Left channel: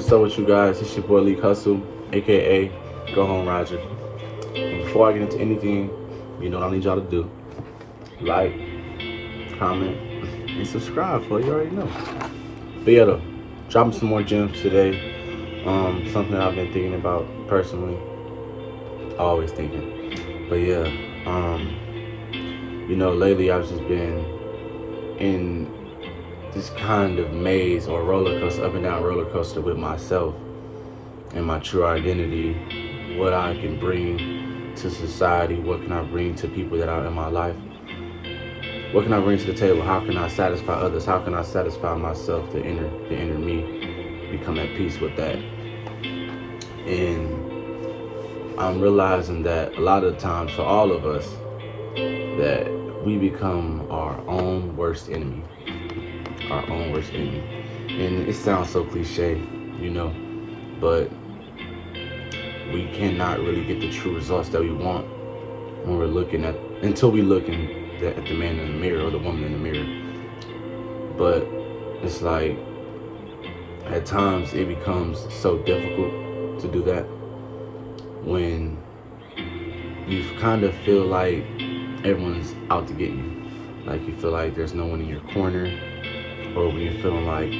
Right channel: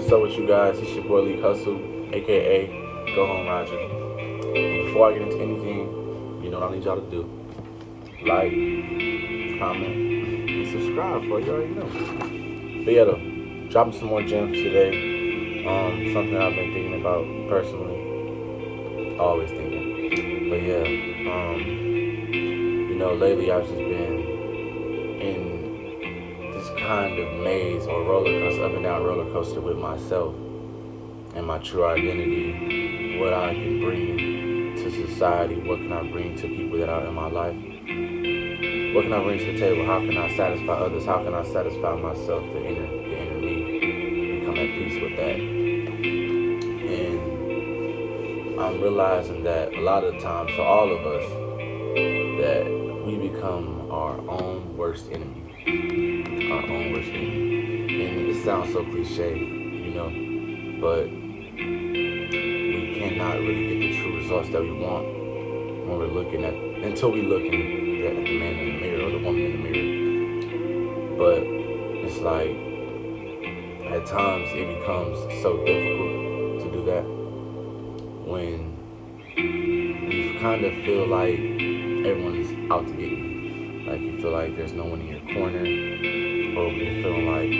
What's up with you guys? It's your boy Leak Hustle, aka Go Home Roger. And before I get into anything, you know what I need y'all to do. Like, comment, and subscribe for you already know. But yeah though, dropping some more gems today. Something that I've been thinking about personally. Always thinking. But yeah, lately I've just been in this kind of maze or roller coaster, up and down roller coaster with myself and my true identity, what I can bring to society, what can I bring to people that are in my life, what can I bring to the table, how can I satisfy others, how can I satisfy myself, the inner me, become at peace with that. And I'm realizing that a lot of times for all of us, that we become our own worst enemy. Our own worst enemy. And it sounds so cliche, but we cannot really get the true results that we want when we're until we look at the man in the mirror or the woman in the mirror. But it's like, at times it becomes so difficult to do that when you kind of feel like everyone's out to get you. Like you feel like there's no one in your corner, or when you're feeling like,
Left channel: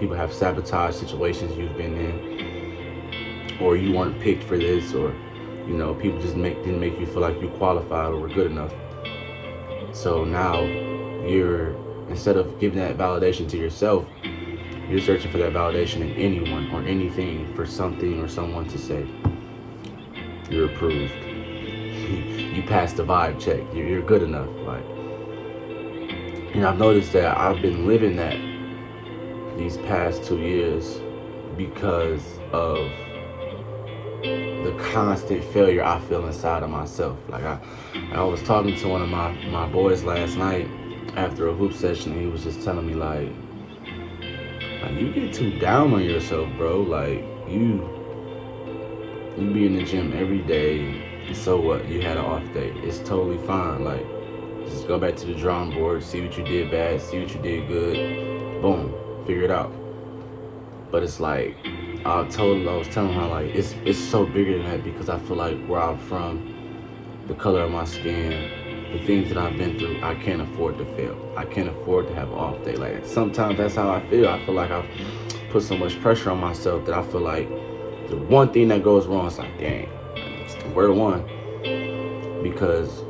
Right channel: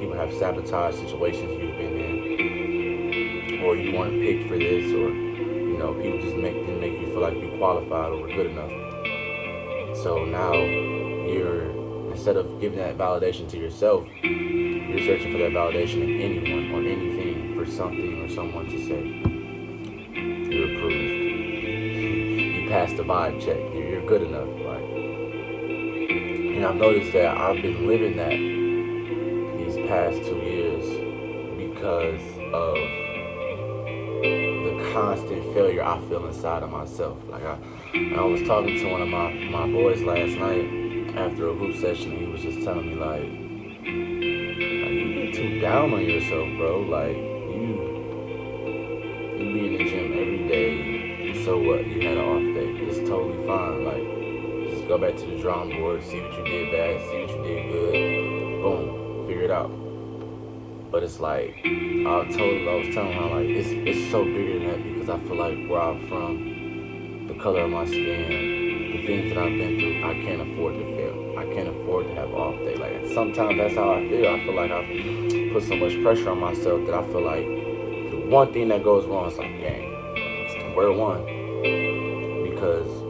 people have sabotaged situations you've been in, or you weren't picked for this, or, people just didn't make you feel like you qualified or were good enough. So now instead of giving that validation to yourself, you're searching for that validation in anyone or anything, for something or someone to say, you're approved. You passed the vibe check. You're good enough. And I've noticed that I've been living that these past 2 years because of the constant failure I feel inside of myself. Like I was talking to one of my boys last night after a hoop session, and he was just telling me like you get too down on yourself, bro. Like you be in the gym every day. So what? You had an off day. It's totally fine. Like, just go back to the drawing board, see what you did bad, see what you did good. Boom, figure it out. But it's like I was telling her like it's so bigger than that, because I feel like where I'm from, the color of my skin, the things that I've been through, I can't afford to fail. I can't afford to have an off day. Like sometimes that's how I feel. I feel like I've put so much pressure on myself that I feel like the one thing that goes wrong is like, dang, where one? Because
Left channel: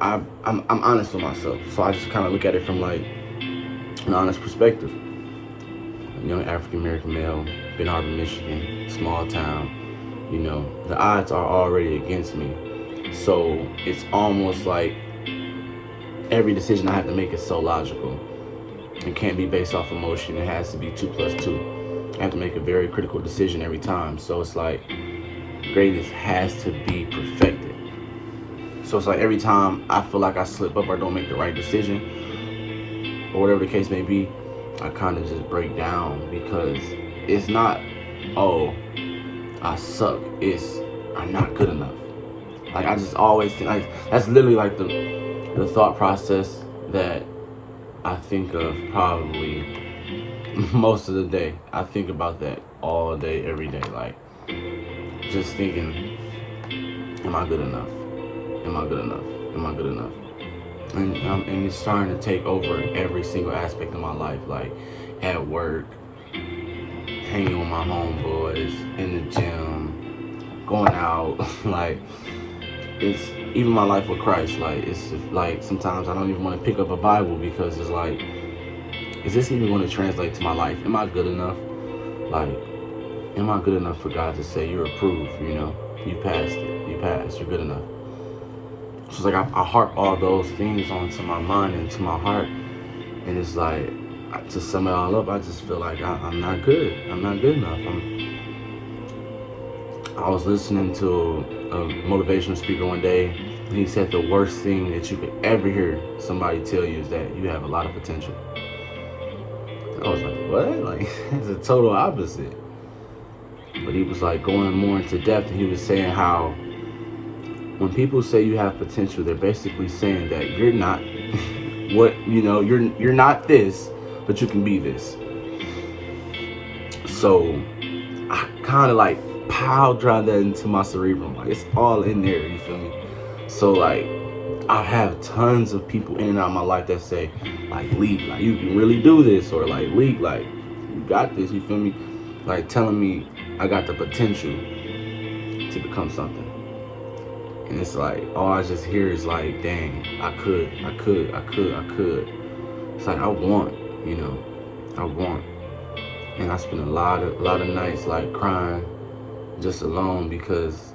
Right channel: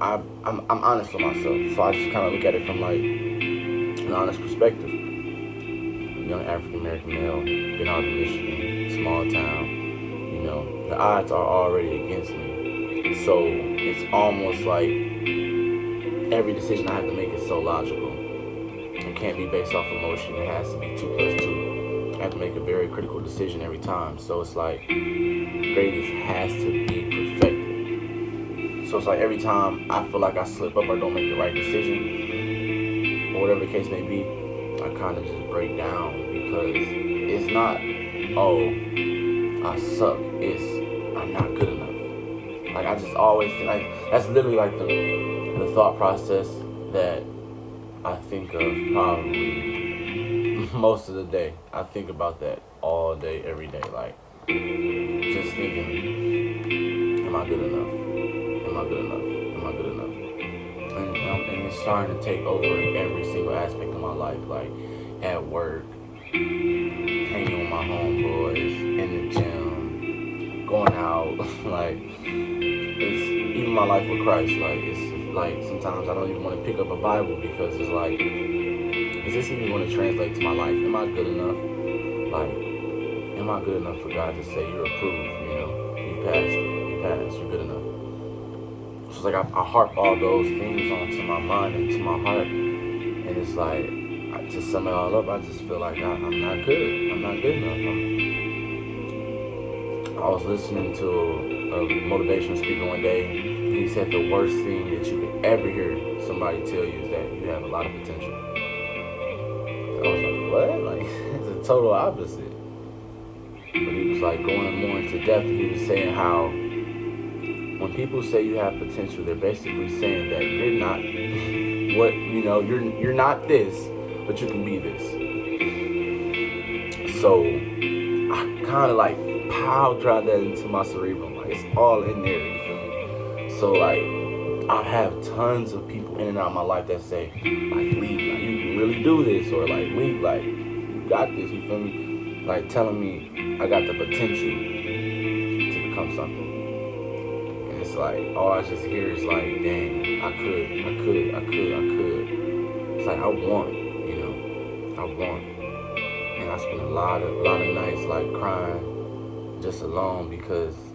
I'm honest with myself, so I just kind of look at it from like an honest perspective. A young African American male, Benton Harbor, Michigan, small town. The odds are already against me, so it's almost like every decision I have to make is so logical. It can't be based off emotion. It has to be 2 plus 2. I have to make a very critical decision every time. So it's like greatness has to be perfected. So it's like every time I feel like I slip up or don't make the right decision, or whatever the case may be, I kind of just break down, because it's not, oh, I suck. It's, I'm not good enough. Like I just always think, like that's literally like the thought process that I think of probably most of the day. I think about that all day, every day. Like just thinking, am I good enough? Am I good enough? Am I good enough? And it's starting to take over every single aspect of my life, like at work, hanging with my homeboys, in the gym, going out, like it's even my life with Christ. Like it's like sometimes I don't even want to pick up a Bible, because it's like, is this even going to translate to my life? Am I good enough? Like, am I good enough for God to say you're approved? You passed it. You passed. You're good enough. So it's like I harp all those things onto my mind and to my heart, and it's like, to sum it all up, I just feel like I'm not good. I'm not good enough. I was listening to a motivational speaker one day, and he said the worst thing that you could ever hear somebody tell you is that you have a lot of potential. I was like, what? Like, it's the total opposite. But he was like going more into depth, and he was saying how when people say you have potential, they're basically saying that you're not you're not this, but you can be this. So I kind of like pile drive that into my cerebrum. Like, it's all in there, you feel me? So like, I have tons of people in and out of my life that say, like, Leak, like, you can really do this, or like, Leak, like, you got this, you feel me? Like, telling me I got the potential to become something. And it's like, all I just hear is like, dang, I could. It's like, I want, you know, I want. And I spend a lot of nights like crying just alone, because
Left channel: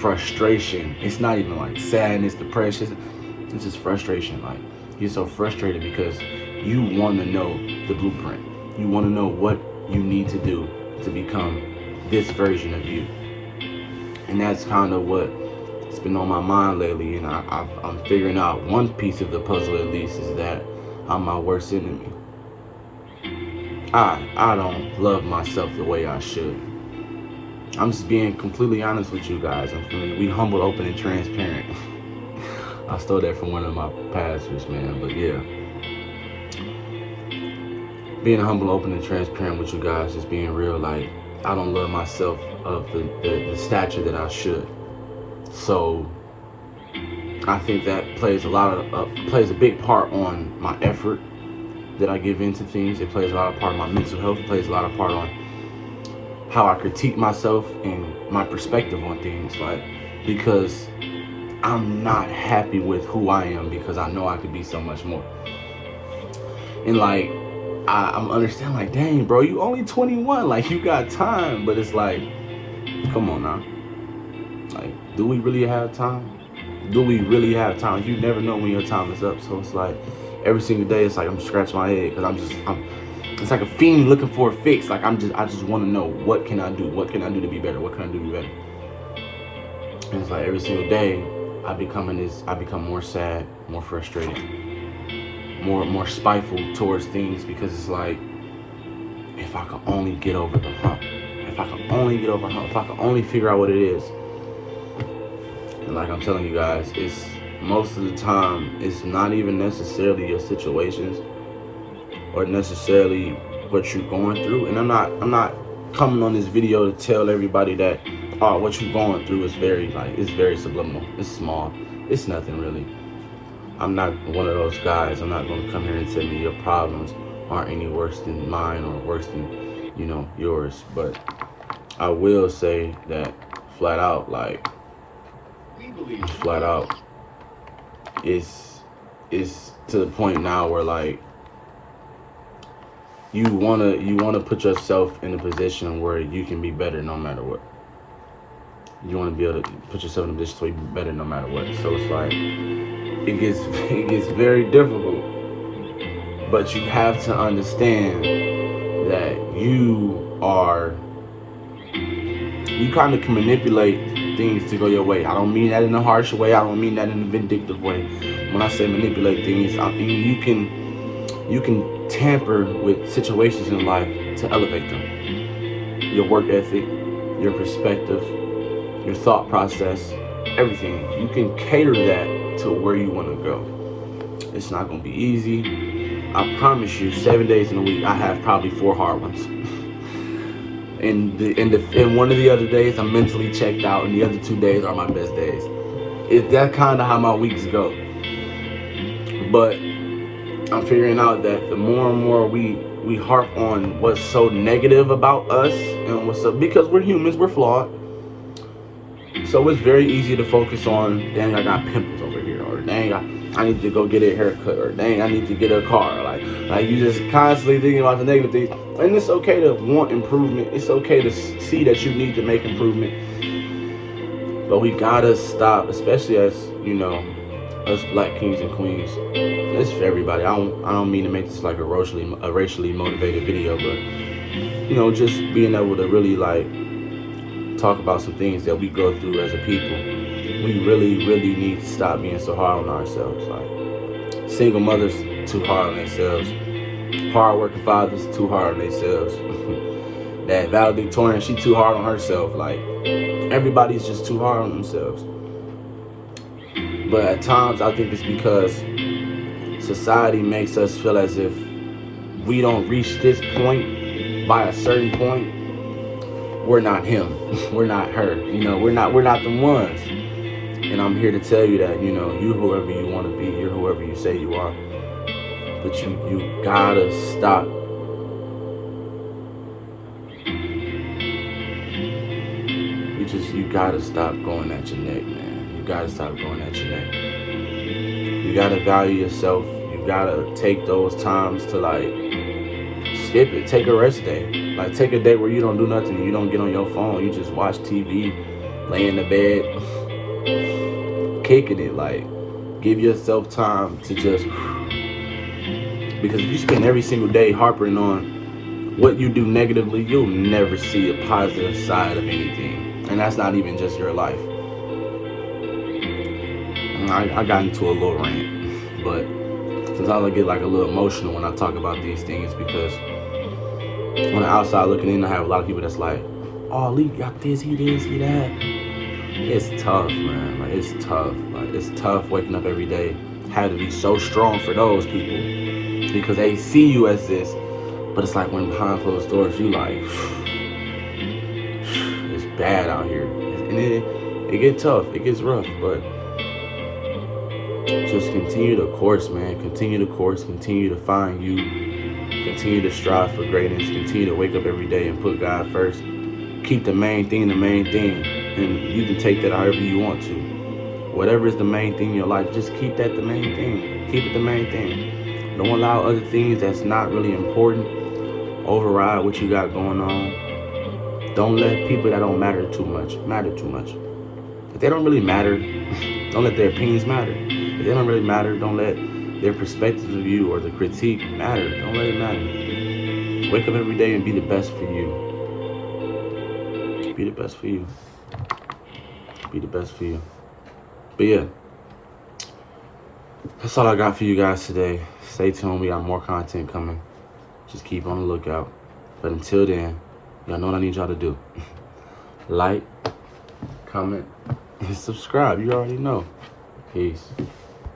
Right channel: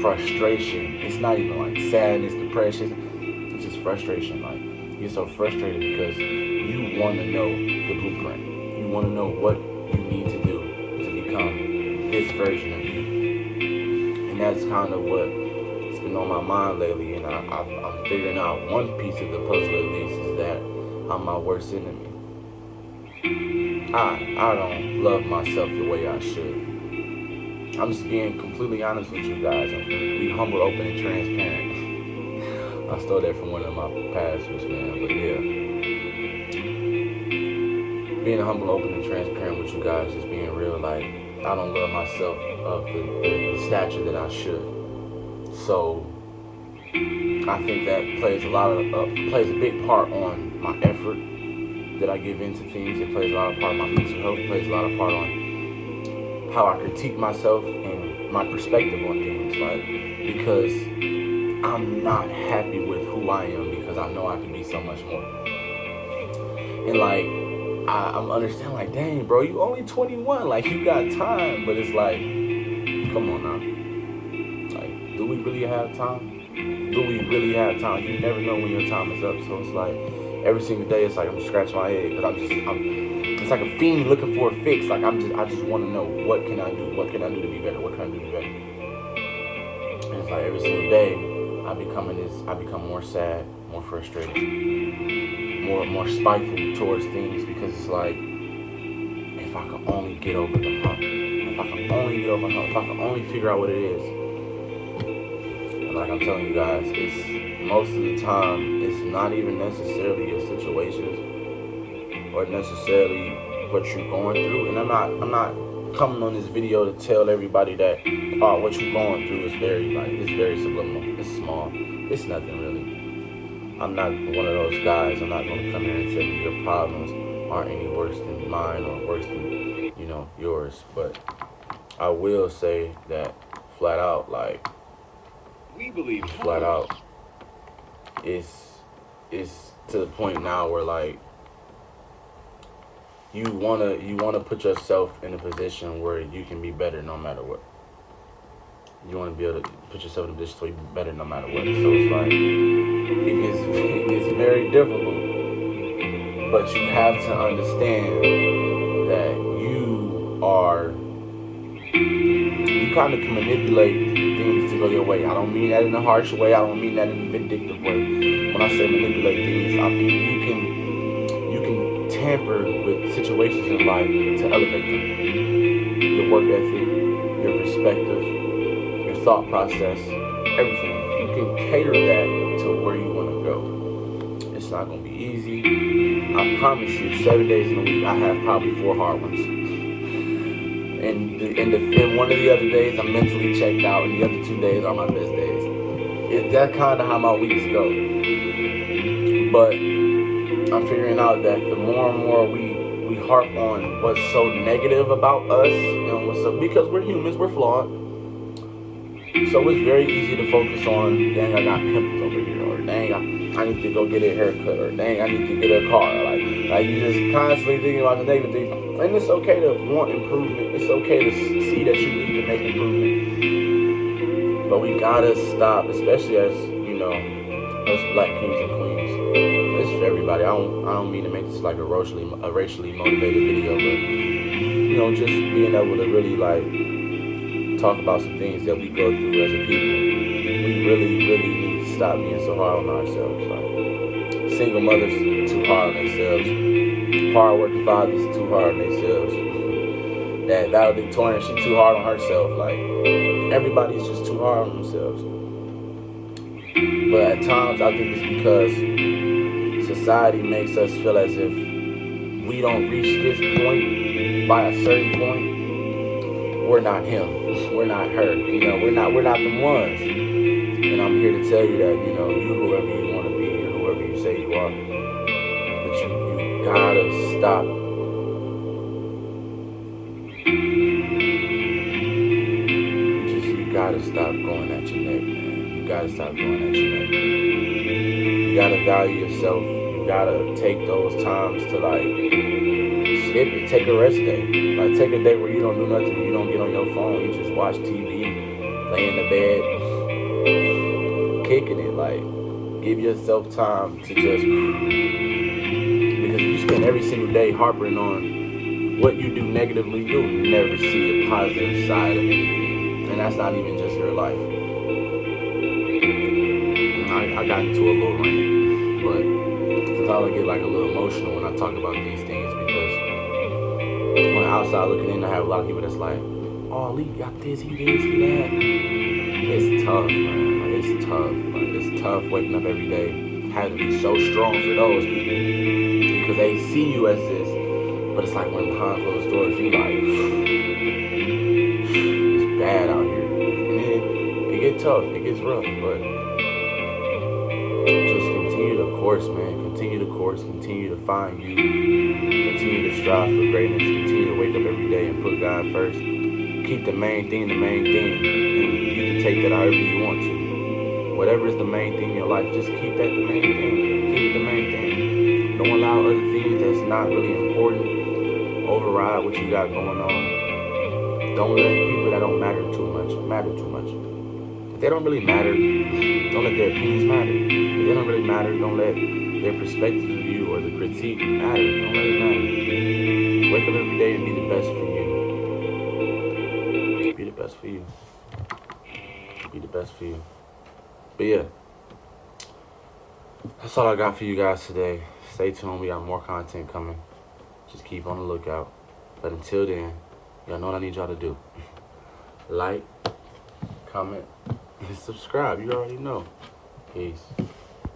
frustration, it's not even like sadness, depression, it's just frustration. Like, you're so frustrated because you want to know the blueprint. You want to know what you need to do to become this version of you. And that's kind of what's been on my mind lately. And I'm figuring out one piece of the puzzle, at least, is that I'm my worst enemy. I don't love myself the way I should. I'm just being completely honest with you guys. We humble, open, and transparent. I stole that from one of my pastors, man. But yeah, being humble, open, and transparent with you guys, just being real. Like, I don't love myself of the stature that I should. So I think that plays a big part on my effort that I give into things. It plays a lot of part on my mental health. It plays a lot of part on how I critique myself and my perspective on things. Like, because I'm not happy with who I am, because I know I could be so much more. And like, I'm understanding, like, dang, bro, you only 21, like, you got time. But it's like, come on now. Like, do we really have time? Do we really have time? You never know when your time is up. So it's like, every single day, it's like I'm scratching my head, because it's like a fiend looking for a fix. Like, I just want to know, what can I do? What can I do to be better? What can I do to be better? And it's like every single day, I become more sad, more frustrated, more spiteful towards things, because it's like, if I could only get over the hump, if I could only figure out what it is. And like I'm telling you guys, it's most of the time, it's not even necessarily your situations or necessarily what you're going through. And I'm not coming on this video to tell everybody that, oh, what you're going through is it's very subliminal. It's small. It's nothing really. I'm not one of those guys. I'm not going to come here and tell me your problems aren't any worse than mine or worse than, yours. But I will say that flat out, it's to the point now where, like, you wanna put yourself in a position where you can be better no matter what. You want to be able to put yourself in a position where you can be better no matter what. So it's like, it gets very difficult. But you have to understand that you kind of can manipulate things to go your way. I don't mean that in a harsh way. I don't mean that in a vindictive way. When I say manipulate things, I mean you can tamper with situations in life to elevate them. Your work ethic, your perspective, your thought process, everything. You can cater that to where you want to go. It's not going to be easy. I promise you, 7 days in a week, I have probably 4 hard ones. And one of the other days, I'm mentally checked out, and the other 2 days are my best days. That's kind of how my weeks go. But I'm figuring out that the more and more we harp on what's so negative about us and what's up, because we're humans, we're flawed. So it's very easy to focus on, dang, I got pimples over here, or dang, I need to go get a haircut, or dang, I need to get a car. Like you just constantly thinking about the negative things. And it's okay to want improvement. It's okay to see that you need to make improvement. But we gotta stop, especially as, us black kings and queens. It's for everybody. I don't mean to make this like a racially motivated video, but just being able to really talk about some things that we go through as a people. We really, really need to stop being so hard on ourselves. Like, single mothers too hard on themselves. Hard-working fathers too hard on themselves. That valedictorian, she too hard on herself. Like, everybody's just too hard on themselves. But at times, I think it's because society makes us feel as if we don't reach this point by a certain point, we're not him. We're not her. You know, we're not the ones. And I'm here to tell you that, you know, you whoever you want to be, you're whoever you say you are. But you gotta stop. You gotta stop going at your neck, man. You gotta stop going at your neck. You gotta value yourself. You gotta take those times to like skip it. Take a rest day. Like take a day where you don't do nothing. You don't get on your phone. You just watch TV, lay in the bed, kicking it. Like give yourself time to just, because if you spend every single day harping on what you do negatively, you'll never see a positive side of anything. And that's not even just your life. I got into a little rant, but sometimes I get like a little emotional when I talk about these things, because on the outside looking in, I have a lot of people that's like, oh, Lee got this, he this, he that. It's tough, man. Like it's tough. Like it's tough waking up every day. Had to be so strong for those people because they see you as this, but it's like when behind closed doors, you like, it's bad out here, and it gets tough, it gets rough, but just continue the course, man. Continue the course. Continue to find you. Continue to strive for greatness. Continue to wake up every day and put God first. Keep the main thing, and you can take that however you want to. Whatever is the main thing in your life, just keep that the main thing. Keep it the main thing. Don't allow other things that's not really important override what you got going on. Don't let people that don't matter too much. If they don't really matter, don't let their opinions matter. If they don't really matter, don't let their perspectives of you or the critique matter. Don't let it matter. Wake up every day and be the best for you. Be the best for you. Be the best for you. But yeah, that's all I got for you guys today. Stay tuned. We got more content coming. Just keep on the lookout. But until then, y'all know what I need y'all to do. Like, comment, and subscribe. You already know. Peace.